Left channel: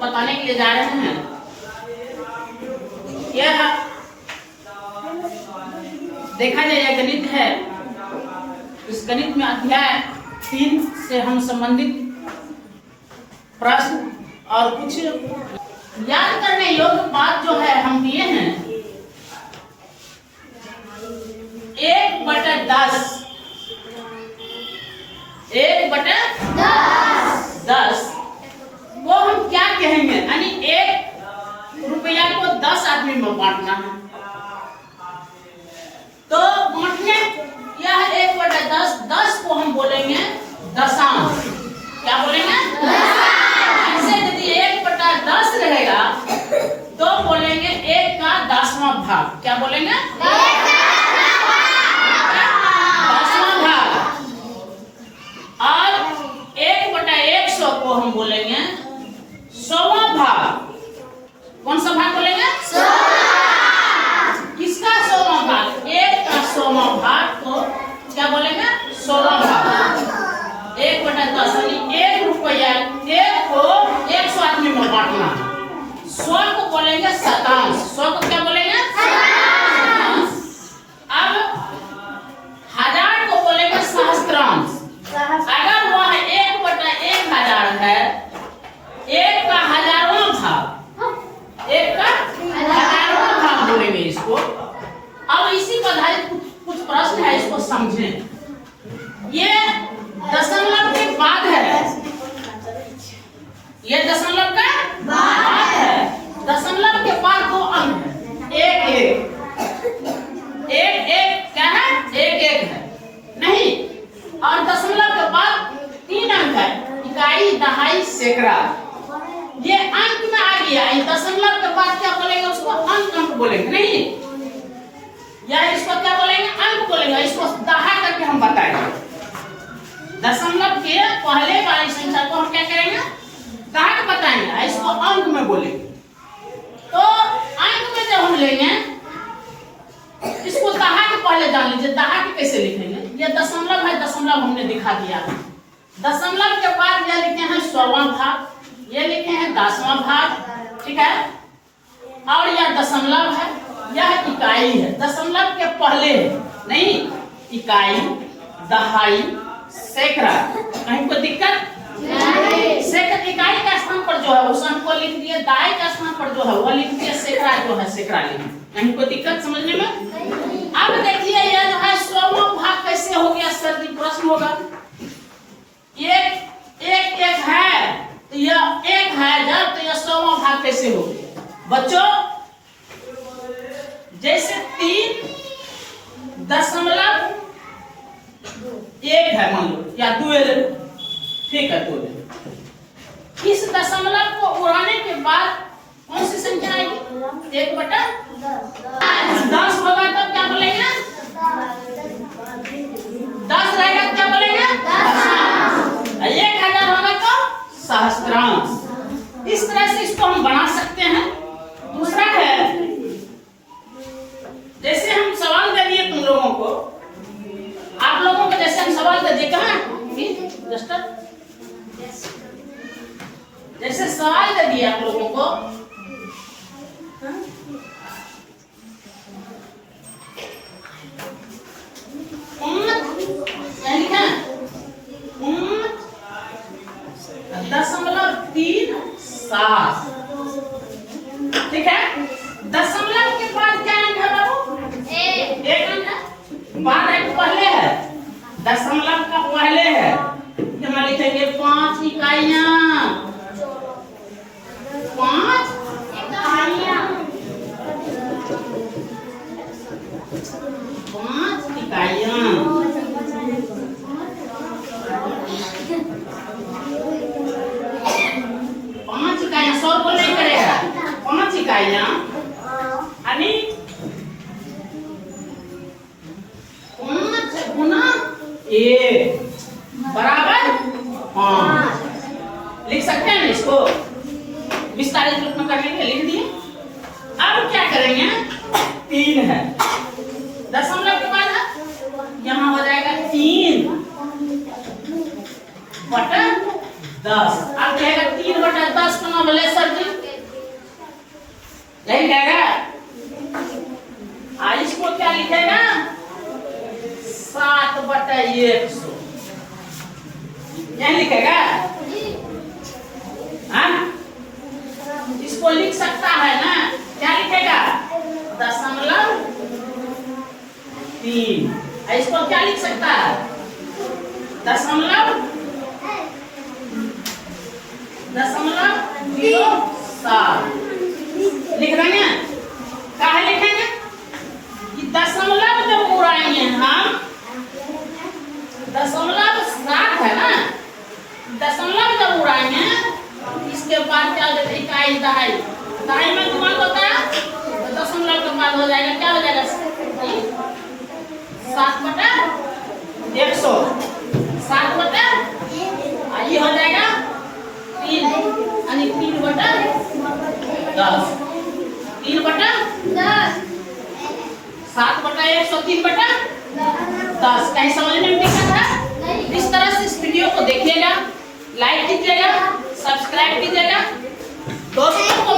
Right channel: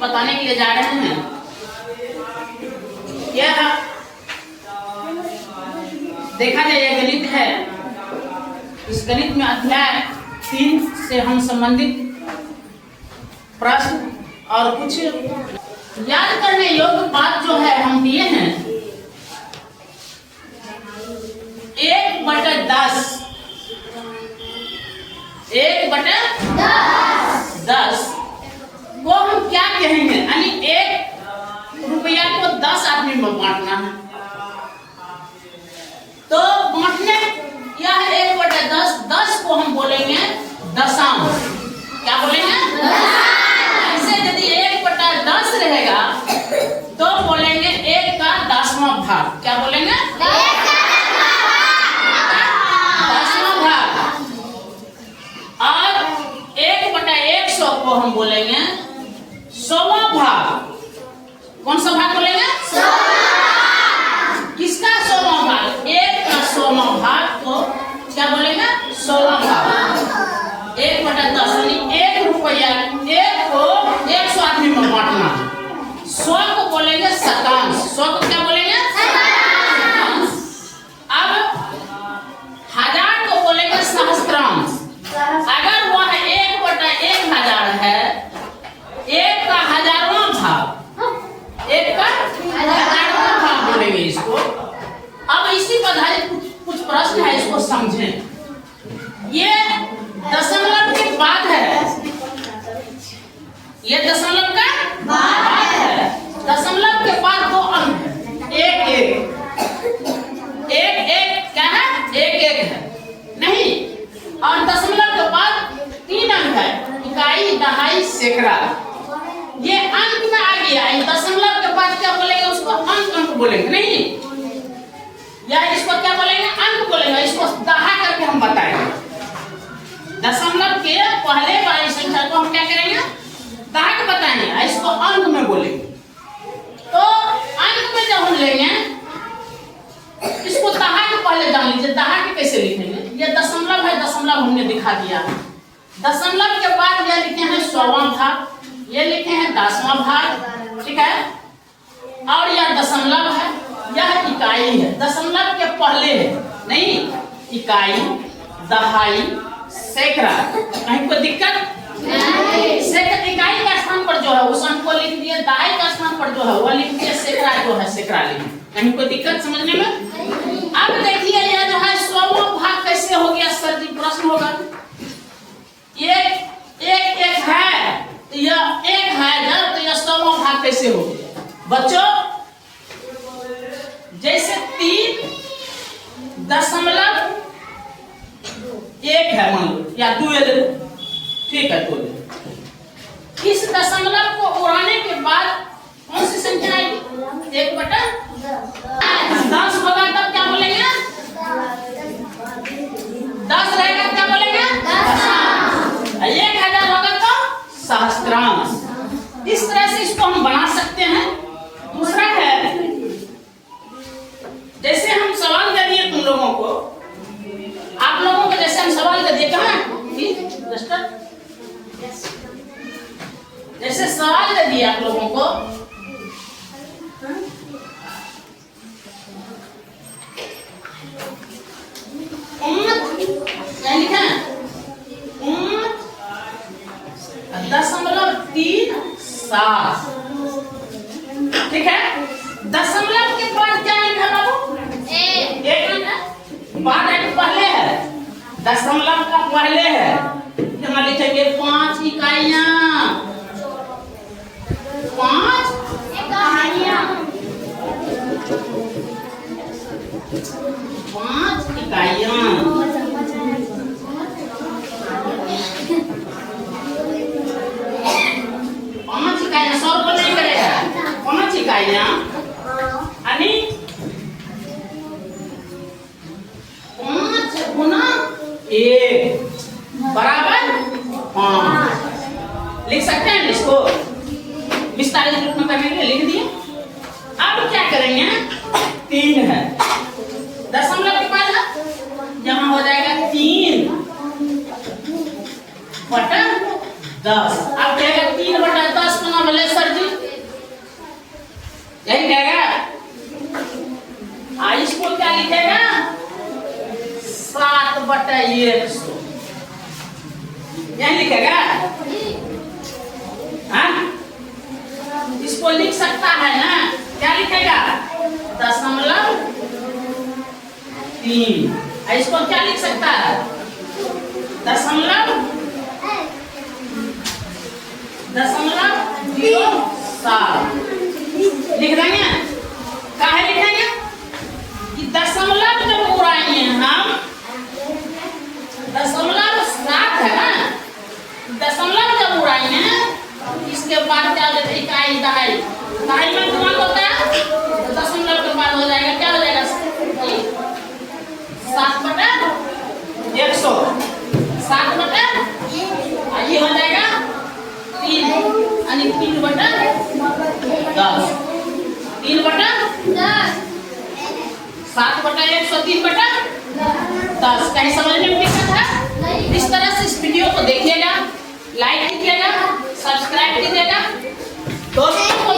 बताने के लिए जा रहे हैं। यह देखा जाए यह गणित है। इस गणित में अध्याय 3 से हम संबंधित प्रश्न और कुछ याद करने योग्य बात जो है हम दिए हैं। 1/10 1/10 वो हम क्या कहेंगे, यानी 1 रुपया को 10 आदमी में बांटना है। तो बांटने यह 1/10 10 को हम बोलेंगे दशांश। क्या बोलेंगे? ऐसे यदि 1/10 रहेगा तो बोलेंगे 1 का 10वां भाग। क्या बोलेंगे? 10वां भाग। और 1/100 को हम बोलेंगे 100वां भाग। कौन सा भाग बोलेंगे? 100। किसका 100वां भाग? 1 का 100वां भाग को क्या बोलेंगे? 100वां भाग। 1/10 यानी 1 रुपया 1 को 100 आदमी में बांटना। 100 को बोलेंगे शतांश। 100 को क्या बोलेंगे? शतांश। अब 1000 को बोलेंगे सहस्त्रांश। अगर वह 1/1000 है, 1 का 1000वां भाग, 1 का 1000वां भाग बोलेंगे इसको। अब इसी पर आधारित कुछ प्रश्न है, इसको समझें। ये दशमलव के बाद है, ये दशमलव का बाद है। दशमलव के बाद 2 अंक है, 1 क्या है? 1 है नहीं। और दशमलव के बाद 3 अंक है, इकाई, दहाई, सैकड़ा। ये अंक में आ गया। दशमलव के बाद क्या बोलेंगे? उसको अंक बोलेंगे नहीं, या इसको क्या बोलेंगे? अंक बोलेंगे। इसको दहा करके हम बताएंगे। दशमलव के पहले वाली संख्या को हम क्या करेंगे? दहा के बताएंगे, इसको अंक में बोलेंगे। तो अंक में जब हम लेंगे, इसको दहा के पहले जान लीजिए, दहा के कैसे लिखेंगे। ये दशमलव है, दशमलव हमने दिखा दिया है। दशमलव के बाद यह लिखे हैं 100वां भाग, ये लिखे हैं 10वां भाग, ठीक है। और यह दशमलव है, यह इकाई है। दशमलव के पहले है नहीं, इकाई, दहाई, सैकड़ा। कहीं कोई दिक्कत नहीं। सैकड़ा इकाई का स्थान पर जो है उस अंक को लिख दिए, दहाई का स्थान पर जो है वह लिख दिए, सैकड़ा जो है सैकड़ा लिख दिए। कहीं कोई दिक्कत समझने में? अब देखिए यह जो है 100वां भाग कैसे हो गया सर जी? प्रश्न होगा। 1 है तो यह 1 है जब, तो यह 100वां भाग कैसे हो गया? बच्चों जैसे 3.1 है मान लो, या 2 ले लो, ठीक है 2 ले लो। इस दशमलव को उड़ाने के बाद कौन सी संख्या आएगी? 1/10 होगा तब क्या बोलेंगे? 10 रहेगा क्या बोलेंगे? दशांश। 1000 होगा तो सहस्त्रांश। इस तरह से इसको हम बना सकते हैं। दूसरा है, जैसे हम सवाल दे दिए तुम लोगों को, आप लोगों को जैसे हम सवाल दे दिए, कहाँ जैसे सवाल दे दिए आप लोगों को, दशमलव 3.7, ठीक है। दशमलव के बाद क्या अंक है बाबू? 1 अंक है। बाद अंक पहले है, दशमलव का पहले है, यहाँ लिखेंगे 5 इकाइयां। 5 इकाइयां, 5 इकाइयां। 5 इकाइयां, 100 को नहीं करेगा। 5 इकाइयां यानी 5 गुना 1 बराबर 5। लिख सकते हैं इसको विस्तारित रूप में करने के लिए लिख दिए। अब क्या करेंगे? 3 है, दशमलव के बाद यहाँ हो जाएगा 3/10। अब कहेगा 3/10 का बोले सर जी यही लिखेगा। इसको क्या लिखेगा? 7/100 यही लिखेगा। हाँ, इसको लिख सकता है ना? क्या लिखेगा? 0.3। इसको क्या लिख सकता है? 0.07 लिख देंगे। कहा लिखेंगे कि दशमलव जब उड़ाएंगे हम, 0.7 है ना, दशमलव जब उड़ाएंगे इसके बाद क्या हो जाता है? इकाई दहाई। दहाई में गुणा होता है तो दशमलव के बाद हो जाएगा, क्या हो जाएगा? 7/100। 7 ये हो जाएगा 3 यानी 3/10। 3/10 7/100 3/10। कहीं समझ में दिक्कत है? इस तरह से इस वीडियो को देखिएगा, लाइक कीजिएगा, सब्सक्राइब कीजिएगा, दोस्तों को